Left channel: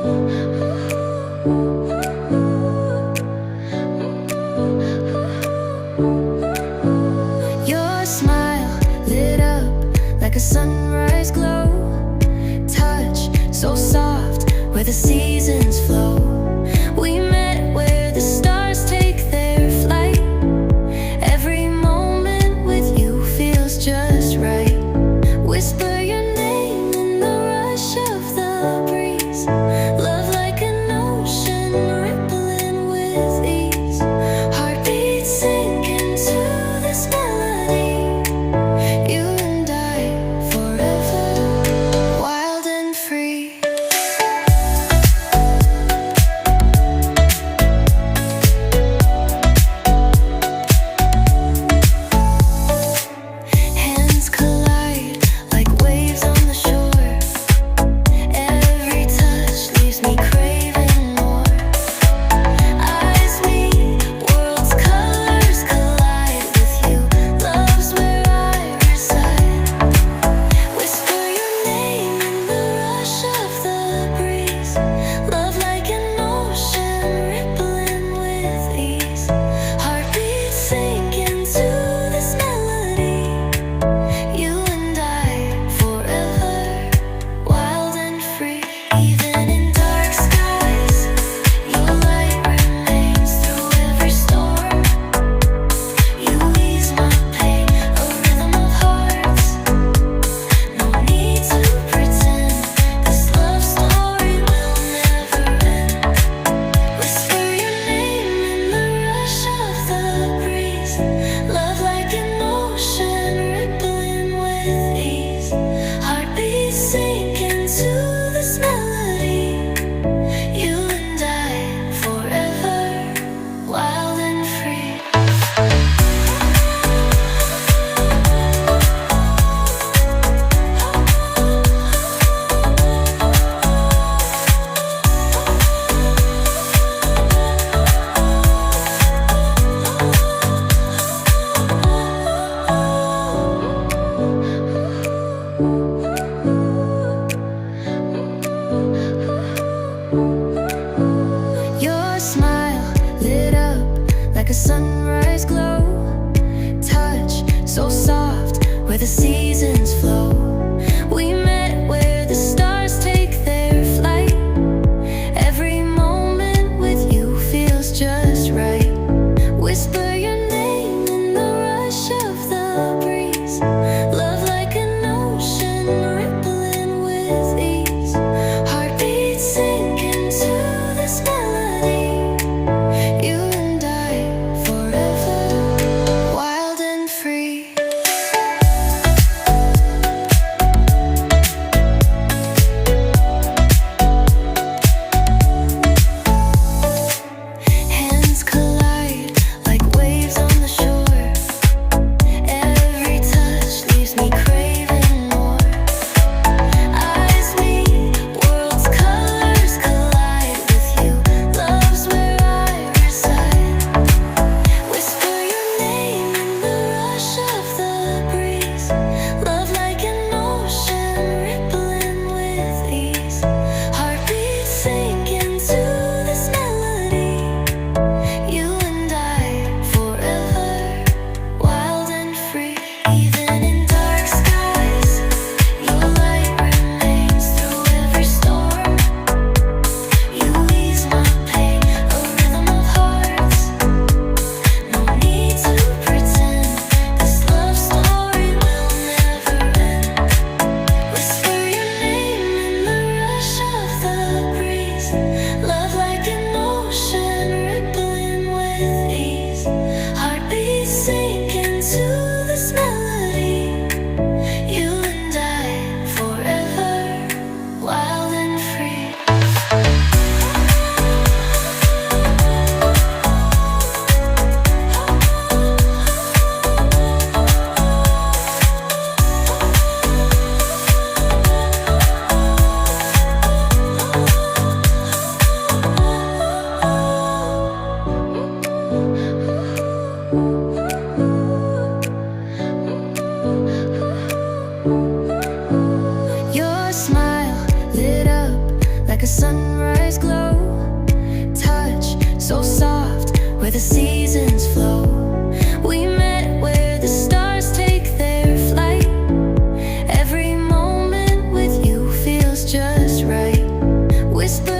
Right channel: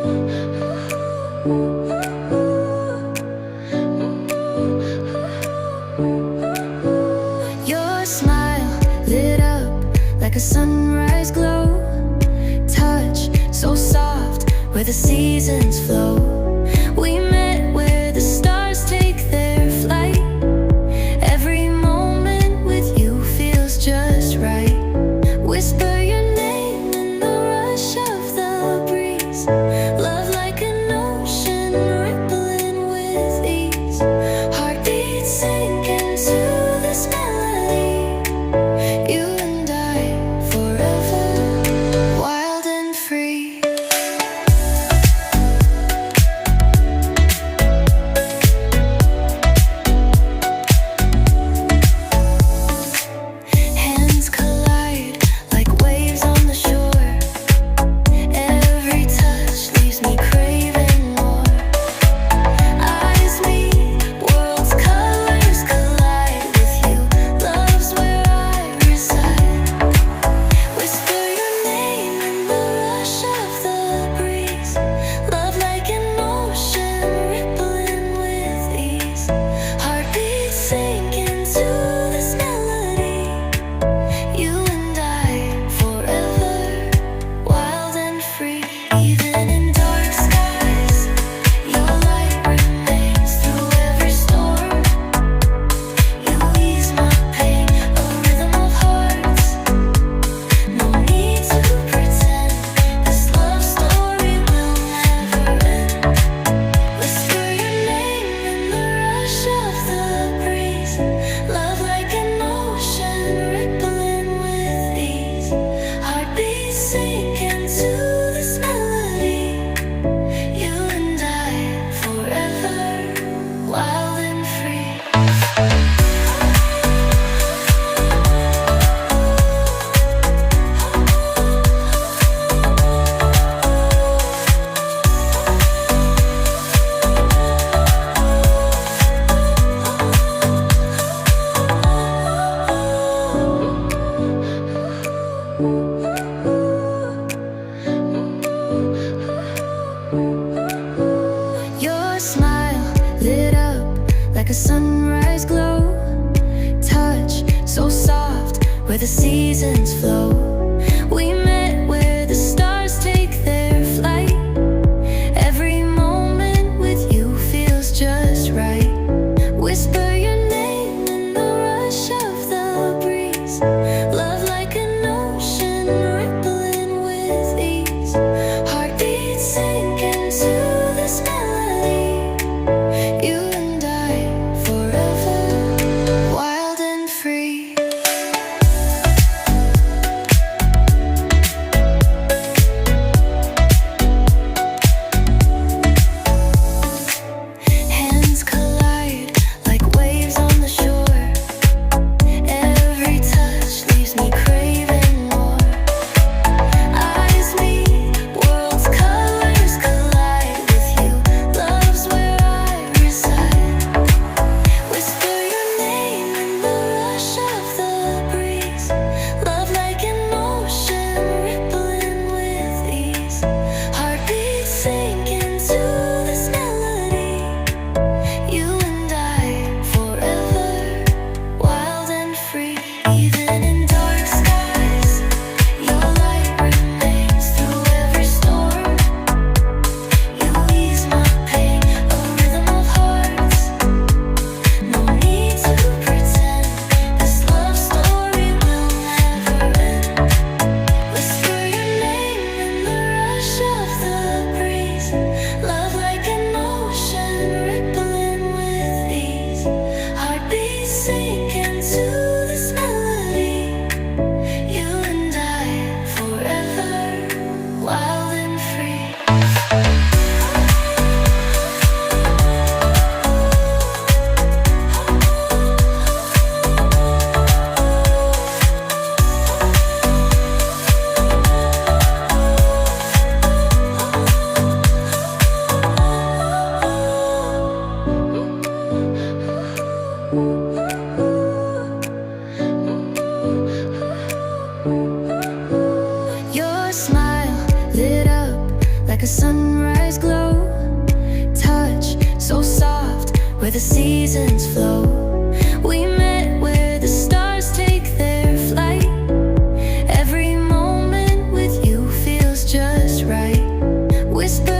Your smile lit up like a sunrise glow. Touch so soft where the seasons flow. We met where the stars take their flight. Every moment with you feels just right. Whisper your name in the rush of the breeze. Love like an ocean rippling with ease. Heartbeats sink into this melody. You and I forever, wild and free. Hands collide like waves on the shore. Every touch leaves me craving more. Eyes meet, worlds' colors collide with you. Love's where I reside. Whisper your name in the rush of the breeze. Love like an ocean rippling with ease. Heartbeats sink into this melody. You and I forever, wild and free. Even in dark skies, your light remains through every storm. You ease my pain, a rhythm of hearts. No need to pretend, this love story will never end. Whisper your name in the rush of the breeze. Love like an ocean rippling with ease. Heartbeats sink into this melody. You and I forever, wild and free. Your smile lit up like a sunrise glow. Touch so soft where the seasons flow. We met where the stars take their flight. Every moment with you feels just right. Whisper your name in the rush of the breeze. Love like an ocean rippling with ease. Heartbeats sink into this melody. You and I forever, wild and free. Hands collide like waves on the shore. Every touch leaves me craving more. Eyes meet, worlds' colors collide with you. Love's where I reside. Whisper your name in the rush of the breeze. Love like an ocean rippling with ease. Heartbeats sink into this melody. You and I forever, wild and free. Even in dark skies, your light remains through every storm. You ease my pain, a rhythm of hearts. No need to pretend, this love story will never end. Whisper your name in the rush of the breeze. Love like a sunrise glow. Touch so soft, where the seasons flow. We met where the stars take their flight. Every moment with you feels just right. Whisper